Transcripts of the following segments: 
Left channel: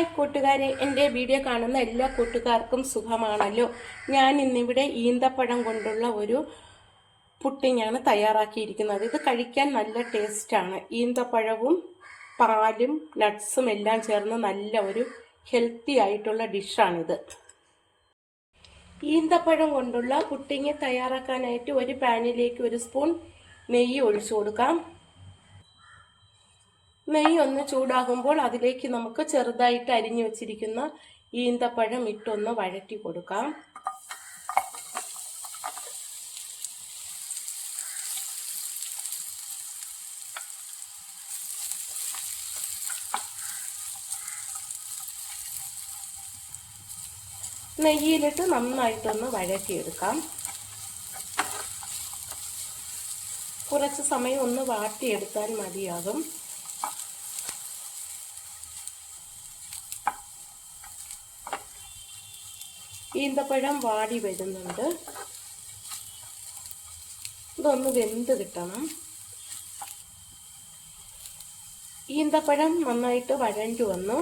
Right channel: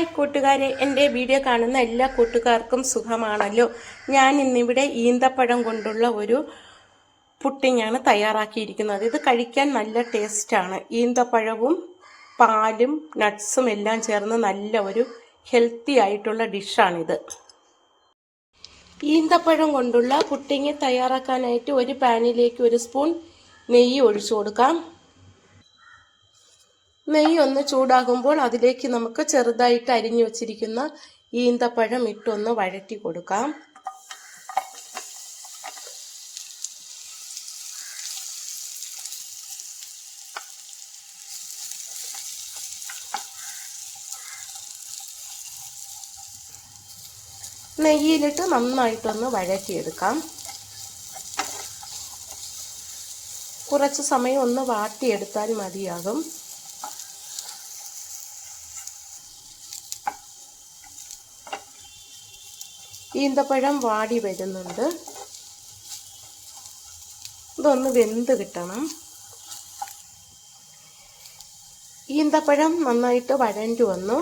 Hi കൂട്ടുകാരെ എന്റെ video കാണുന്ന എല്ലാ കൂട്ടുകാർക്കും സുഖമാണല്ലോ. ഞാൻ ഇന്നിവിടെ ഈന്തപ്പഴം കൊണ്ടുള്ള ഒരു പുട്ടിങ്ങാണ് തയ്യാറാക്കിയിരിക്കുന്നത്. ഇത് കഴിക്കാൻ നല്ല ടേസ്റ്റാണ്. ഈന്തപ്പഴവും പാലും നട്ട്സും എല്ലാം ചേർന്ന് നല്ല ഒരു ഹെൽത്തി ആയിട്ടുള്ള ഡിഷാണിത്. ഈന്തപ്പഴം കൊണ്ടുള്ള പുട്ടിങ് തയ്യാറാക്കാനായിട്ട് ഒരു പാനിലേക്ക് ഒരു സ്പൂൺ നെയ്യ് ഒഴിച്ചു കൊടുക്കാം. നെയ്യ് ഒന്ന് ചൂടാകുമ്പോൾ അതിലേക്ക് നമുക്ക് ചെറുതായിട്ട് അരിഞ്ഞു വച്ചിരിക്കുന്ന ഈന്തപ്പഴം ഇട്ടൊന്ന് വഴറ്റി കൊടുക്കാം. നെയ്യിലിട്ട് നന്നായിട്ടൊന്ന് വഴറ്റിയെടുക്കാം. കുറച്ച് സമയം ഒന്ന് വാട്ടിയെടുത്താൽ മതിയാകും. ഈന്തപ്പഴം വാടി വരുന്നുണ്ട്. ഇതൊന്ന് വെന്ത് കിട്ടണം. ഈന്തപ്പഴം നന്നായിട്ട് വഴണ്ടി വന്നു.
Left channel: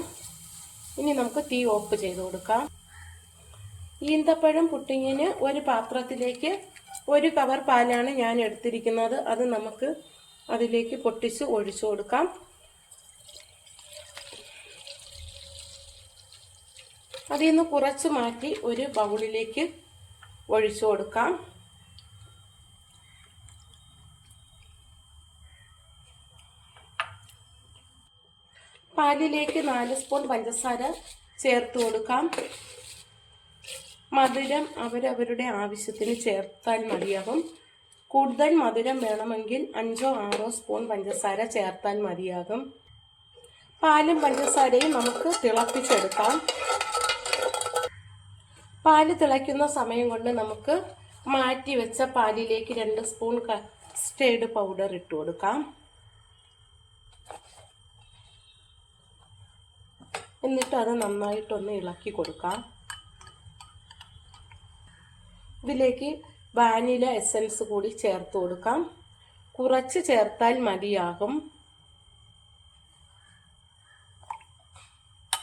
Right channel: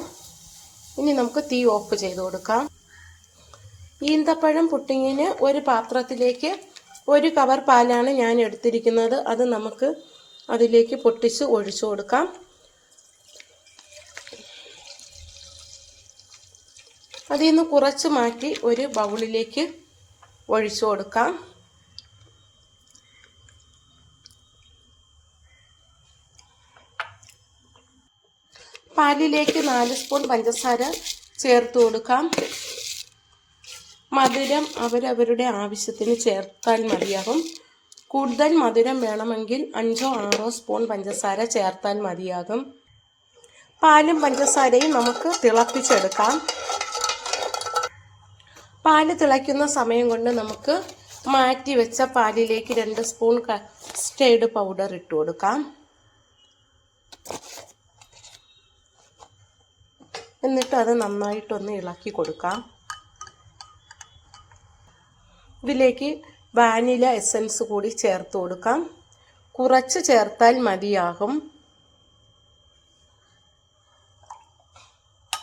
ഇനി നമുക്ക് തീ ഓഫ് ചെയ്ത് കൊടുക്കാം. ഈന്തപ്പഴം പുട്ടിങ്ങിന് ഒരു പാത്രത്തിലേക്ക് ഒരു കവർ പാലാണ് ഞാൻ എടുത്തിരിക്കുന്നത്. അത് നമുക്ക് അതിലേക്ക് പൊട്ടിച്ച് ഒഴിച്ചു കൊടുക്കാം. അതിൽ നിന്ന് കുറച്ച് മാറ്റി ഒരു ബൗളിലേക്ക് ഒഴിച്ചു കൊടുക്കാം. പാലിലേക്ക് നാല് സ്പൂൺ പഞ്ചസാര ചേർത്ത് കൊടുക്കാം. മധുരം അവരവരുടെ ആവശ്യത്തിന് ചേർത്താൽ മതിയാകും. കൂടുതൽ മധുരം വേണമെങ്കിൽ അഞ്ചോ ആറോ സ്പൂൺ പഞ്ചസാര ചേർത്താൽ മതിയാകും. പാലും പഞ്ചസാരയും നമുക്ക് തിളപ്പിച്ചെടുക്കാം. പാൽ തിളയ്ക്കുന്ന സമയം കൊണ്ട് നമുക്ക് മാറ്റി വെച്ച പാലിലേക്ക് രണ്ട് സ്പൂൺ കസ്റ്റേർഡ് പൗഡർ ഇട്ട് കൊടുക്കാം. എന്നിട്ട് അത് നന്നായിട്ടൊന്ന് ഇളക്കി കൊടുക്കാം. ഇതിലേക്ക് വാനില എസൻസ് കൂടി ചേർത്ത് കൊടുക്കാം. കുറച്ച് ചേർത്താൽ മതിയാകും.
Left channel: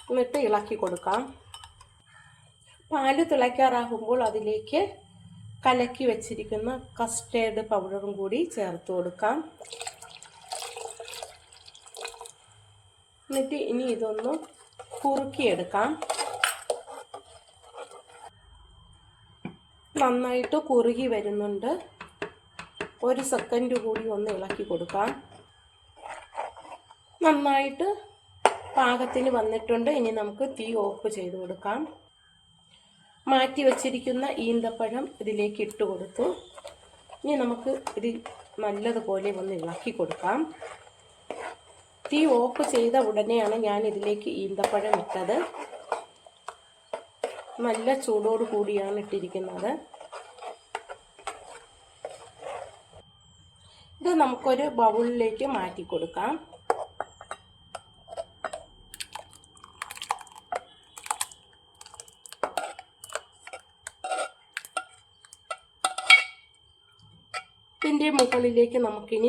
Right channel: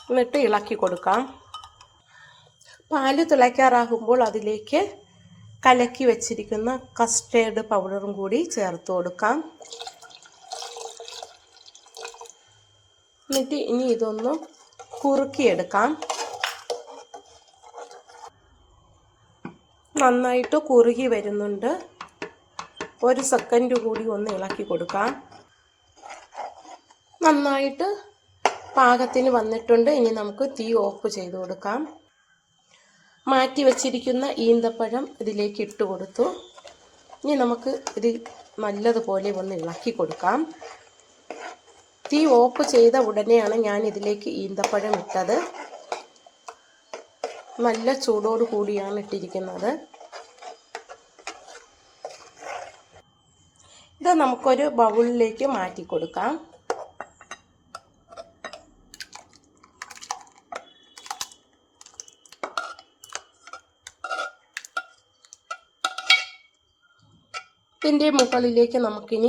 എന്നിട്ട് ഇളക്കി കൊടുക്കാം. പാൽ തിളയ്ക്കാറാകുമ്പോൾ അതിലേക്ക് കലക്കി വെച്ചിരിക്കുന്ന കസ്റ്റേർഡ് പൗഡറും കൂടി ചേർത്ത് കൊടുക്കാം. എന്നിട്ട് ഇനി ഇതൊന്ന് കുറുക്കിയെടുക്കാം. നന്നായിട്ട് കുറുകി വരുന്നുണ്ട്. ഒരു സെക്കൻഡ് കൂടി ഒന്ന് ഇളക്കി കൊടുക്കാം. നന്നായിട്ട് പാകത്തിന് വന്നിട്ടുണ്ട്. ഇനി നമുക്ക് തീ ഓഫ് ചെയ്ത് കൊടുക്കാം. മാറ്റി വച്ചിരിക്കുന്ന ഈന്തപ്പഴം ഇതിലേക്ക് ഇട്ട് കൊടുത്തു. ഇനി നമുക്ക് ഇത് നല്ലതുപോലെ ഒന്ന് ഇളക്കി കൊടുക്കാം. തീ ഓഫ് ചെയ്ത ഉടനെയാണ് ഞാൻ ഇതിലേക്ക് ഈന്തപ്പഴം ഇട്ടത്. നല്ല ചൂടോട് കൂടിയാണ് ഇട്ടിരിക്കുന്നത്. ഇത് നമുക്കൊരു ബൗളിലേക്ക് മാറ്റി കൊടുക്കാം. ഇതിന്റെ മുകളിലേക്ക് നമുക്കിനി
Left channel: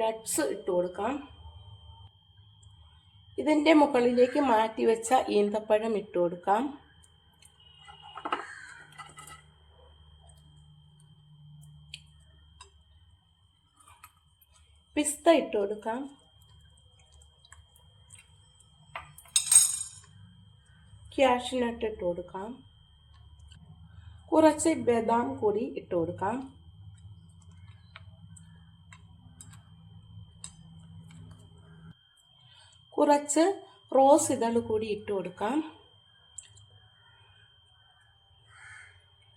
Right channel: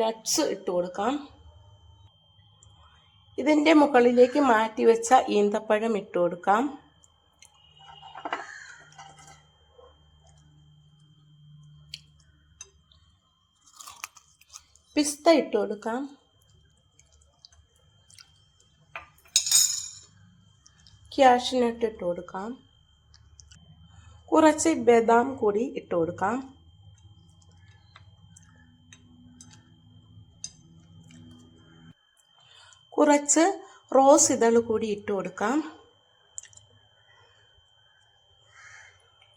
നട്ട്സ് ഇട്ട് കൊടുക്കാം. ഇതിന്റെ മുകളിലേക്ക് മാറ്റി വെച്ച ഈന്തപ്പഴം ഇട്ട് കൊടുക്കാം. പിസ്ത ഇട്ട് കൊടുക്കാം. ക്യാഷ്നട്ട് ഇട്ട് കൊടുക്കാം. കുറച്ച് ബദാം കൂടി ഇട്ട് കൊടുക്കാം. കുറച്ച് റോസ് ഇതൾ കൂടി ഇട്ട് കൊടുക്കാം.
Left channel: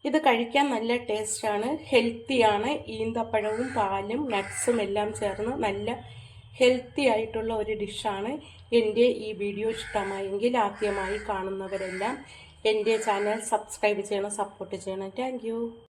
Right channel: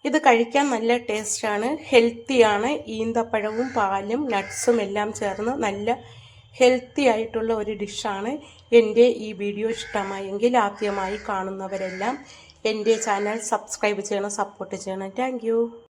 ഇത് കഴിക്കാൻ നല്ല ടേസ്റ്റാണ് ഹെൽത്തിയാണ് ഈന്തപ്പഴവും പാലും നട്ട്സും എല്ലാം ചേർന്ന് നല്ല ഹെൽത്തി ആയിട്ടുള്ള ഒരു ഡിഷാണ് എന്റെ ഈ വീഡിയോ ഇഷ്ടമായെങ്കിൽ ആദ്യമായി കാണുന്നവരെല്ലാം എന്റെ ചാനൽ സബ്സ്ക്രൈബ് ചെയ്യണം സപ്പോർട്ട് ചെയ്യണം. താങ്ക്